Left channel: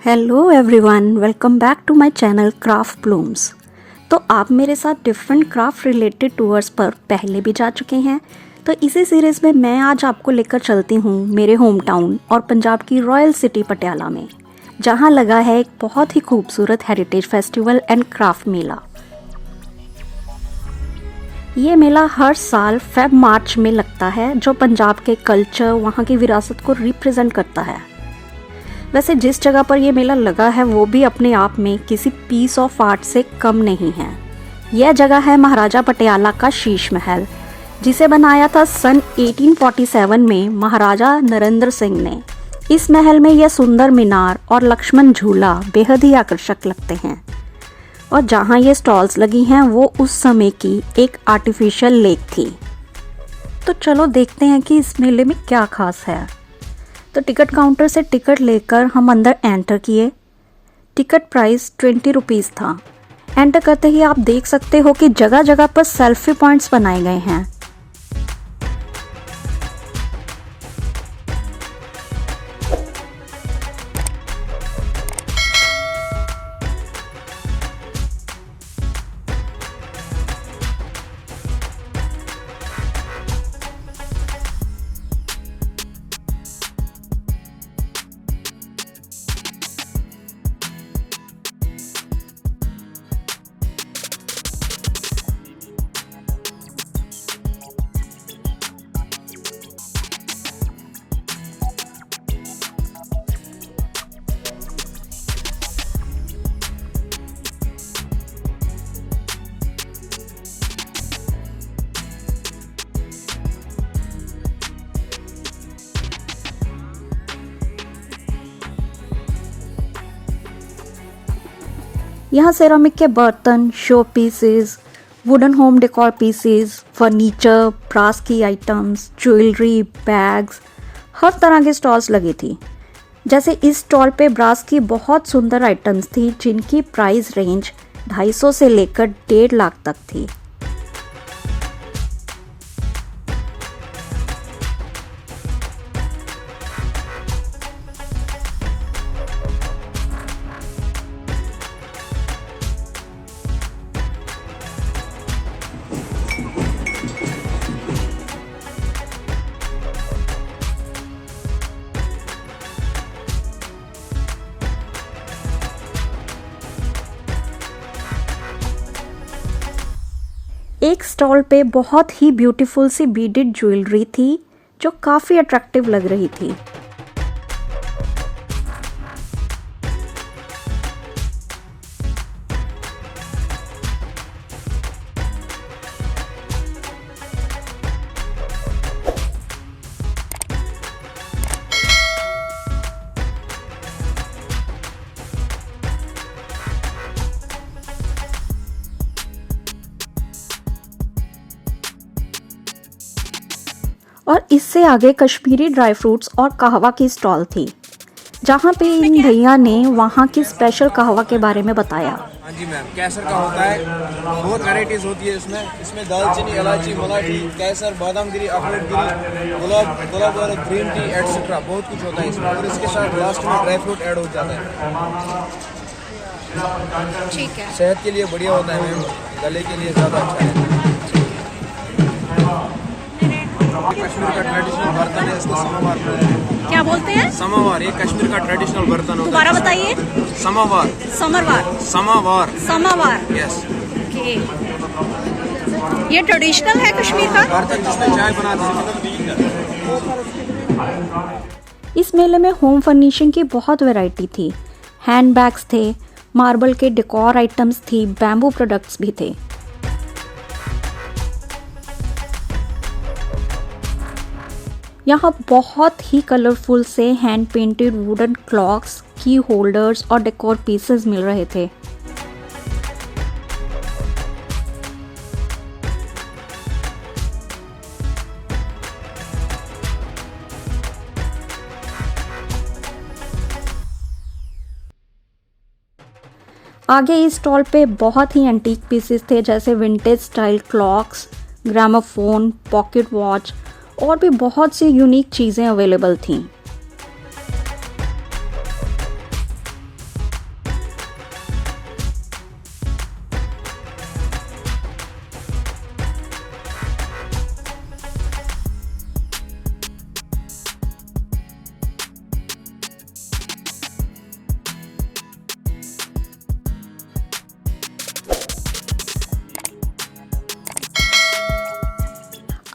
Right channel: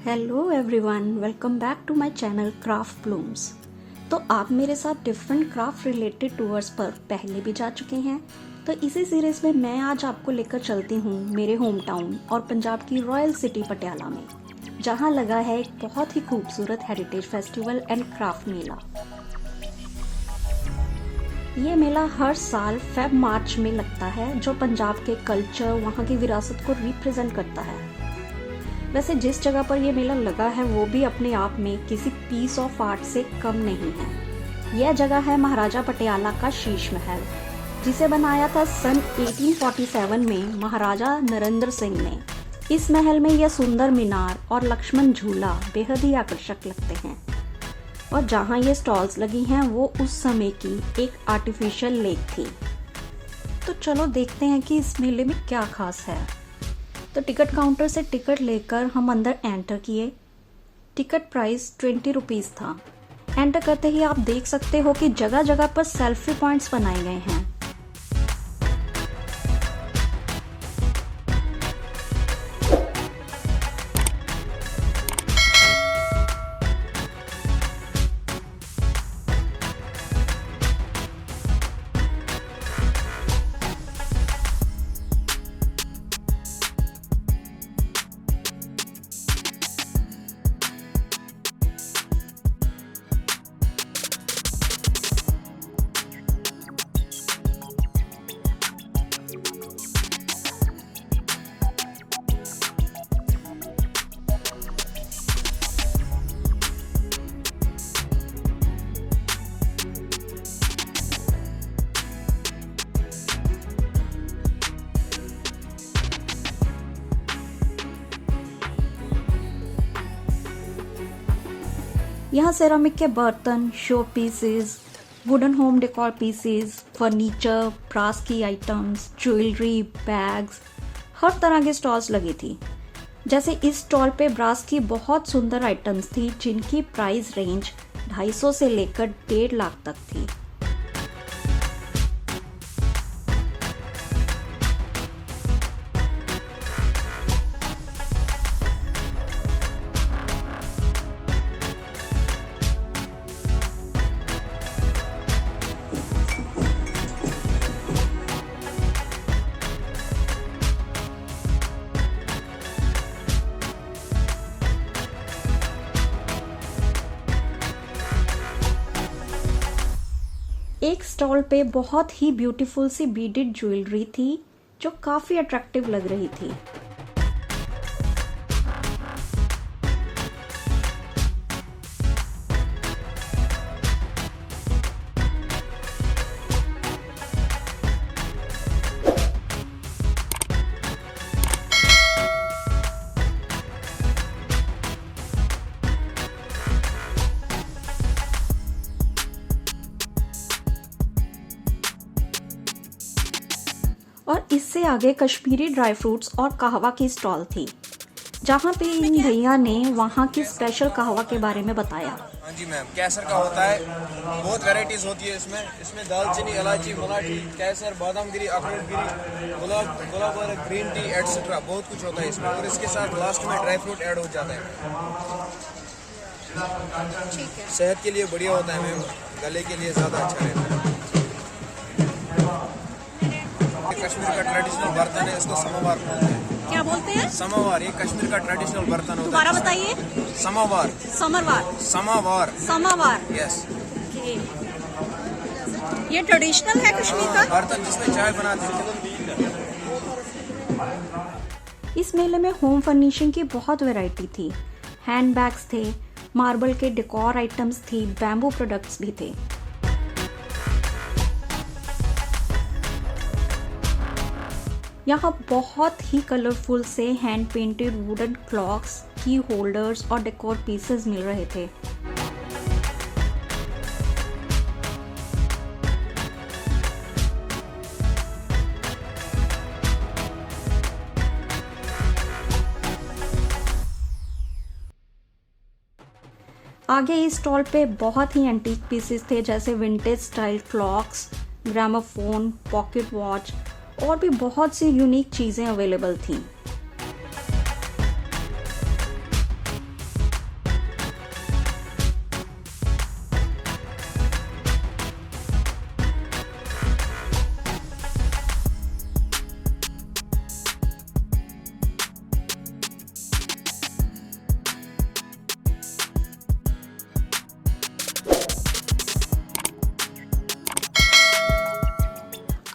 Hello everyone, welcome back to my channel craft blooms. तो आप मेरे साथ डिफरेंट क्राफ्ट रिलेटेड टूर्स पर पहले भी जा चुके हैं, तो इसी सीरीज़ में मैं आज आपको लेकर चलती हूँ मेरे होम टाउन और पंजाब की रॉयल सिटी पटियाला में, जहाँ लगा है एक बहुत ही खूबसूरत हेरिटेज फेस्टिवल एंड क्राफ्ट मेला। ये मेला हर साल मार्च में लगता है, जो पंजाब के कल्चर, वहाँ की विरासत को रिप्रेजेंट करता है। वैसे जिस जगह पर यह मेला लगा है वो भी अपने आप में किसी पीस ऑफ आर्ट से कम नहीं है। यह जगह है महाराजा पटियाला का शीश महल, जिसे बनाया था सन 1847 में महाराजा नरेंद्र सिंह ने। इस महल में यह सुंदर मीनार और लक्ष्मण झूला बेहद ही आकर्षक लगते हैं। और जहाँ ये स्टॉल्स लगी हैं वो उस समय की एक आर्टिफिशियल लेक थी। तो चलो देखते हैं कि इस मेले में क्या खास है। तो टिकट काउंटर से टिकट लेकर हम अंदर एंटर किए। टिकट प्राइस 20 रुपीज़ था। एंटर करते ही आप देख सकते हो कि जगह जगह पर सेल्फी पॉइंट्स बनाए गए हैं। यहाँ सेरामिक के बर्तन, show pieces, wooden home decor pieces, furniture, brass की आइटम्स, ज्वेलरी, बैग्स, हर तरह के स्टॉल्स लगी थी। जैसे इस स्टॉल पे ब्रास की बहुत सुंदर आइटम्स थी, जिनकी प्राइस रेंज 250 से लेकर 1.5 लाख तक थी। एक स्टॉल पे बहुत ही ब्यूटीफुल सी बीडेड ज्वेलरी थी, जो काफ़ी अट्रैक्टिव लग रही थी। और इससे आगे कश्मीरी ड्राई फ्रूट्स और कहवा की स्टॉल थी, जहाँ पे इन भैया ने वहाँ की स्पेशल कहवा के बारे में बताया। हाँ जी मैम, कैसर का होता है, बहुत वैरायटीज होती है इसमें दालचीनी, इलायची, मलाठी, कैसर, बादाम गिरी, अखरोट गिरी, गुलाब और ग्रीन टी एटसेट्रा, बहुत कुछ होता है इसमें। और इसके साथ लास्ट में ड्राई फ्रूट ऐड हो जाता है। ठीक है, सेहत के लिए बढ़िया होता है मैम, गले के लिए ज़्यादा अच्छा है। कश्मीर का ट्रेडिशनल बर्तन है, इसको समोवार बोलते हैं। क्या बोलते हैं? समोवार, ये कश्मीर का ट्रेडिशनल बर्तन होता है। दोबारा बताइए। समोवार। समरवार। यस। ये ट्रेडिशनल है कश्मीर का बर्तन, जिसमें चाय बनाते हैं। इस मेले में होम फर्निशिंग की बहुत वैरायटी थी। हैंड बैग्स थे, मार्बल के डेकोर आइटम्स थी, बैम्बू प्रोडक्ट्स भी थे। यहाँ बहुत ही कलरफुल से हैंड पेंटेड वुडन क्लॉक्स, की होल्डर्स और डेकोर पीसेस मिल रहे थे। आगे इस स्टॉल पे बहुत ही एंटीक पीसेस थे, जैसे vintage style clocks, gramophone, pocket watch और भी बहुत सी यूनिक चीज़ें अवेलेबल थीं।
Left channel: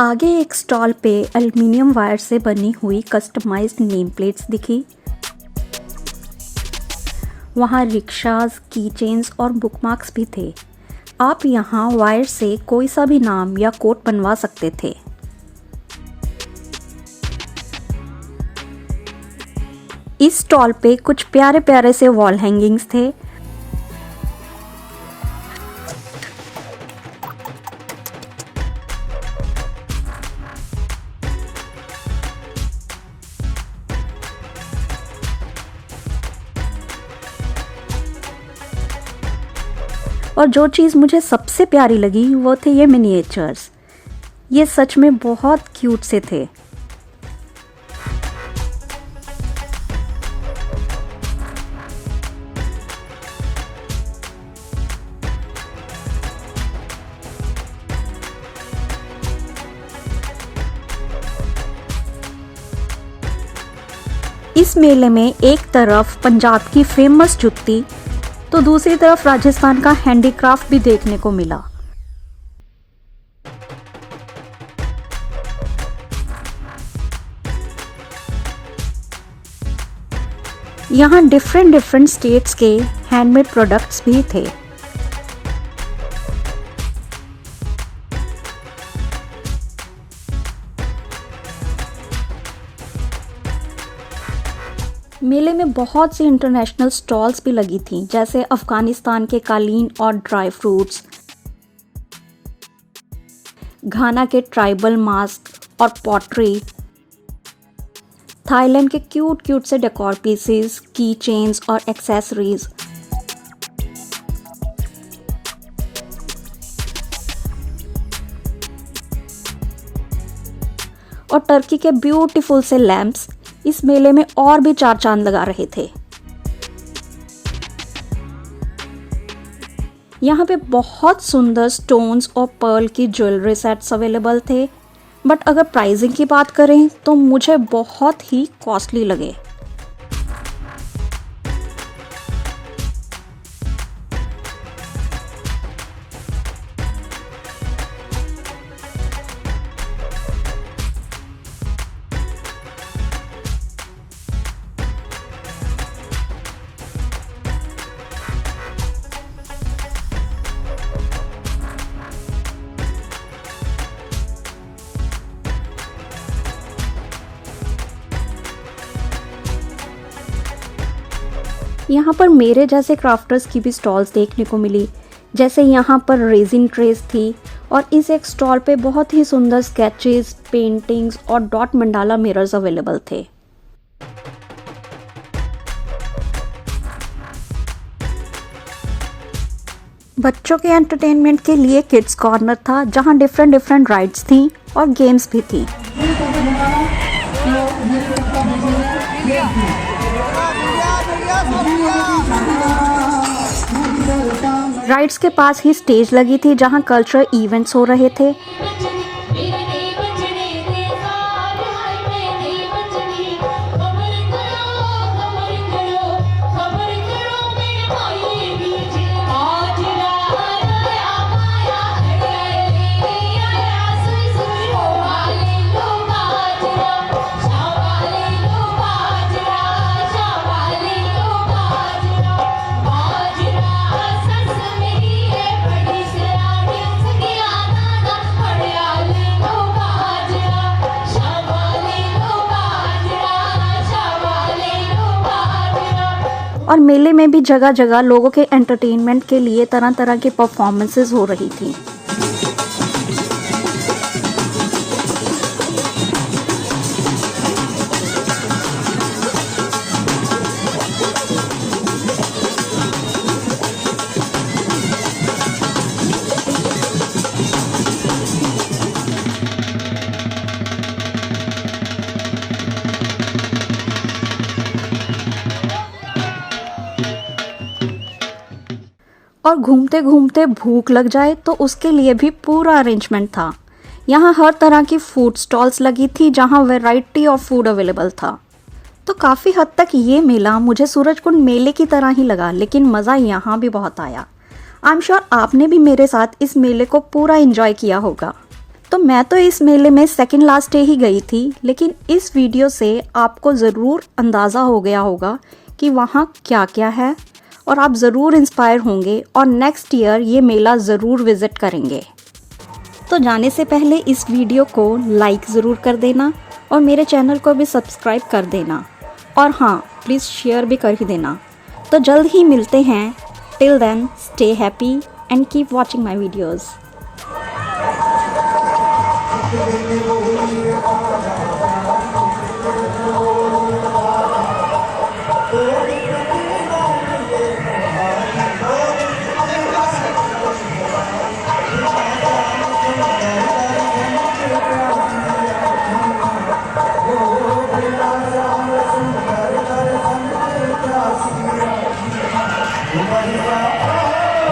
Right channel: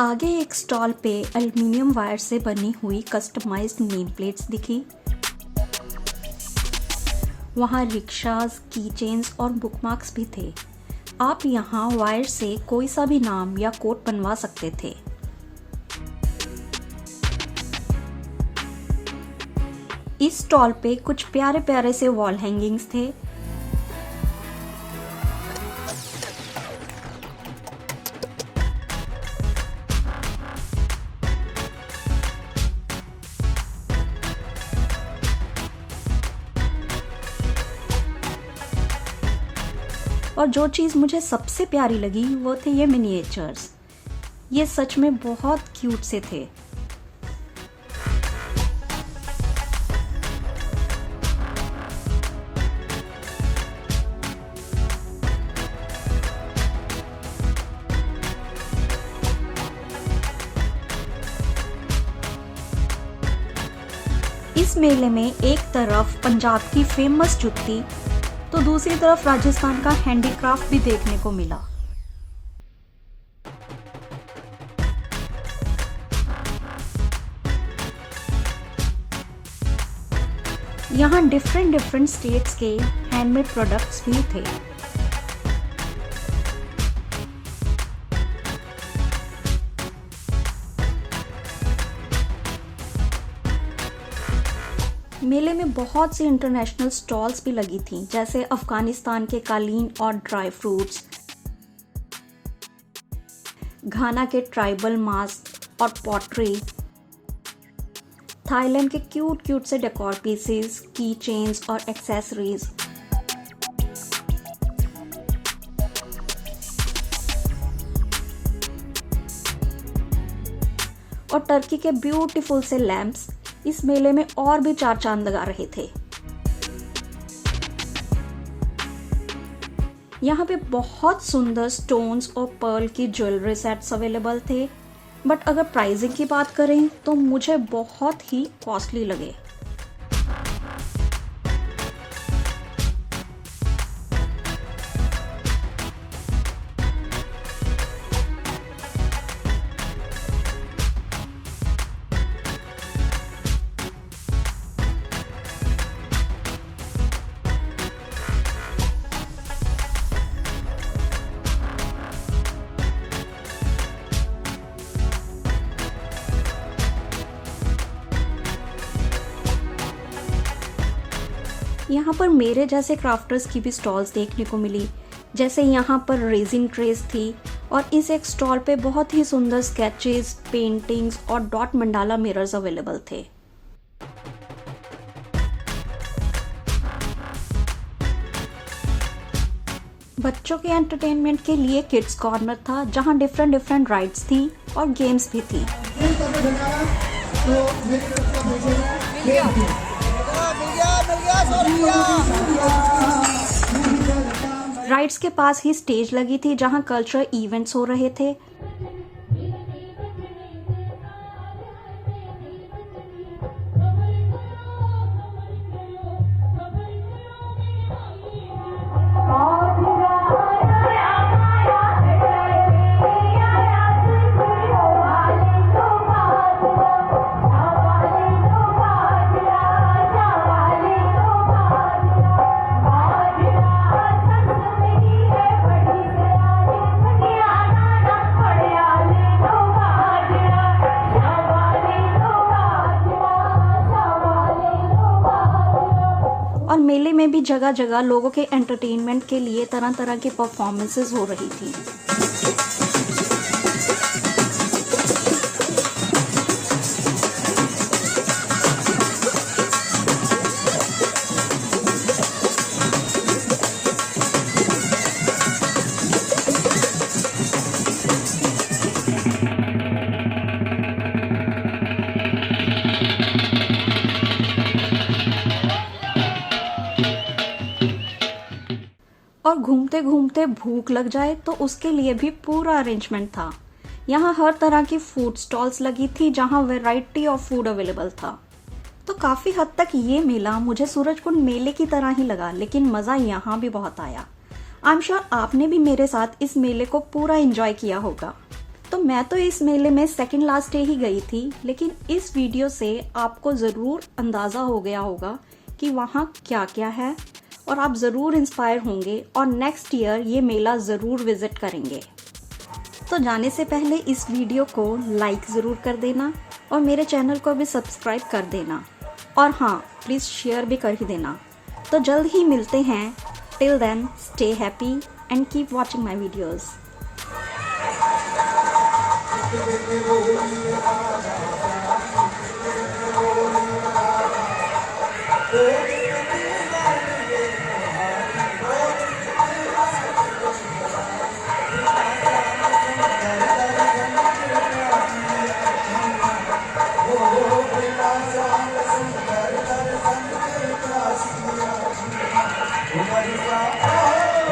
आगे एक स्टॉल पे एल्युमिनियम वायर से बनी हुई कस्टमाइज्ड नेम प्लेट्स दिखी। वहाँ रिक्शाज, की चेन्स और बुकमार्क्स भी थे। आप यहाँ वायर से कोई सा भी नाम या कोट बनवा सकते थे। इस स्टॉल पे कुछ प्यारे प्यारे से वॉल हैंगिंग्स थे। और जो चीज़ मुझे सबसे प्यारी लगी वो थे ये मिनिएचर्स। ये सच में बहुत क्यूट से थे। इस मेले में एक तरफ पंजाब की फेमस जुत्ती तो दूसरी तरफ राजस्थान का हैंडीक्राफ्ट भी देखने को मिला। यहाँ डिफरेंट स्टेट्स के हैंडमेड प्रोडक्ट्स भी थे। मेले में बहुत सी इंटरनेशनल स्टॉल्स भी लगी थी, जैसे अफगानिस्तान के कालीन और ड्राई फ्रूट्स, घाना के ट्राइबल मास्क और पॉटरी, थाईलैंड के क्यूट से डेकोर पीसेस, की चेन्स और एक्सेसरीज, और टर्की के ब्यूटीफुल से लैम्प्स इस मेले में और भी चार चांद लगा रहे थे। यहाँ पे बहुत सुंदर स्टोन्स और पर्ल की ज्वेलरी सेट्स अवेलेबल थे, बट अगर प्राइसिंग की बात करें तो मुझे बहुत ही कॉस्टली लगे। यहाँ पर मेरे जैसे क्राफ्टर्स की भी स्टॉल्स देखने को मिली, जैसे यहाँ पर रेजिन ट्रेस थी और इस एक स्टॉल पे बहुत ही सुंदर स्केचेस, पेंटिंग्स और डॉट मंडाला मिरर्स अवेलेबल थे। बच्चों के एंटरटेनमेंट के लिए किड्स कॉर्नर था, जहाँ डिफरेंट राइड्स थी और गेम्स भी थी। राइड्स के पास ही स्टेज लगी थी, जहां कल्चरल इवेंट्स हो रहे थे। और मेले में भी जगह जगह लोगों के एंटरटेनमेंट के लिए तरह तरह के परफॉर्मेंसेस हो रही थी। घूमते घूमते भूख लग जाए तो उसके लिए भी पूरा अरेंजमेंट था। यहाँ हर तरह की फूड स्टॉल्स लगी थी जहाँ वैरायटी ऑफ फूड अवेलेबल था। तो काफ़ी हद तक ये मेला मुझे सूरजकुंड मेले की तरह ही लगा, लेकिन मज़ा यहाँ भी बहुत आया। आई एम श्योर आपने भी मेरे साथ इस मेले को पूरा एंजॉय किया होगा। तो मैं तो इस मेले में सेकंड लास्ट डे ही गई थी, लेकिन इस वीडियो से आपको ज़रूर अंदाज़ा हो गया होगा कि वहाँ क्या क्या है और आप ज़रूर इंस्पायर होंगे और नेक्स्ट ईयर ये मेला ज़रूर विज़िट करेंगे। तो जाने से पहले इस वीडियो को लाइक ज़रूर कर देना और मेरे चैनल को भी सब्सक्राइब कर देना, और हाँ प्लीज़ शेयर भी कर ही देना। तो जल्द ही मिलते हैं। Till then stay happy and keep watching my videos.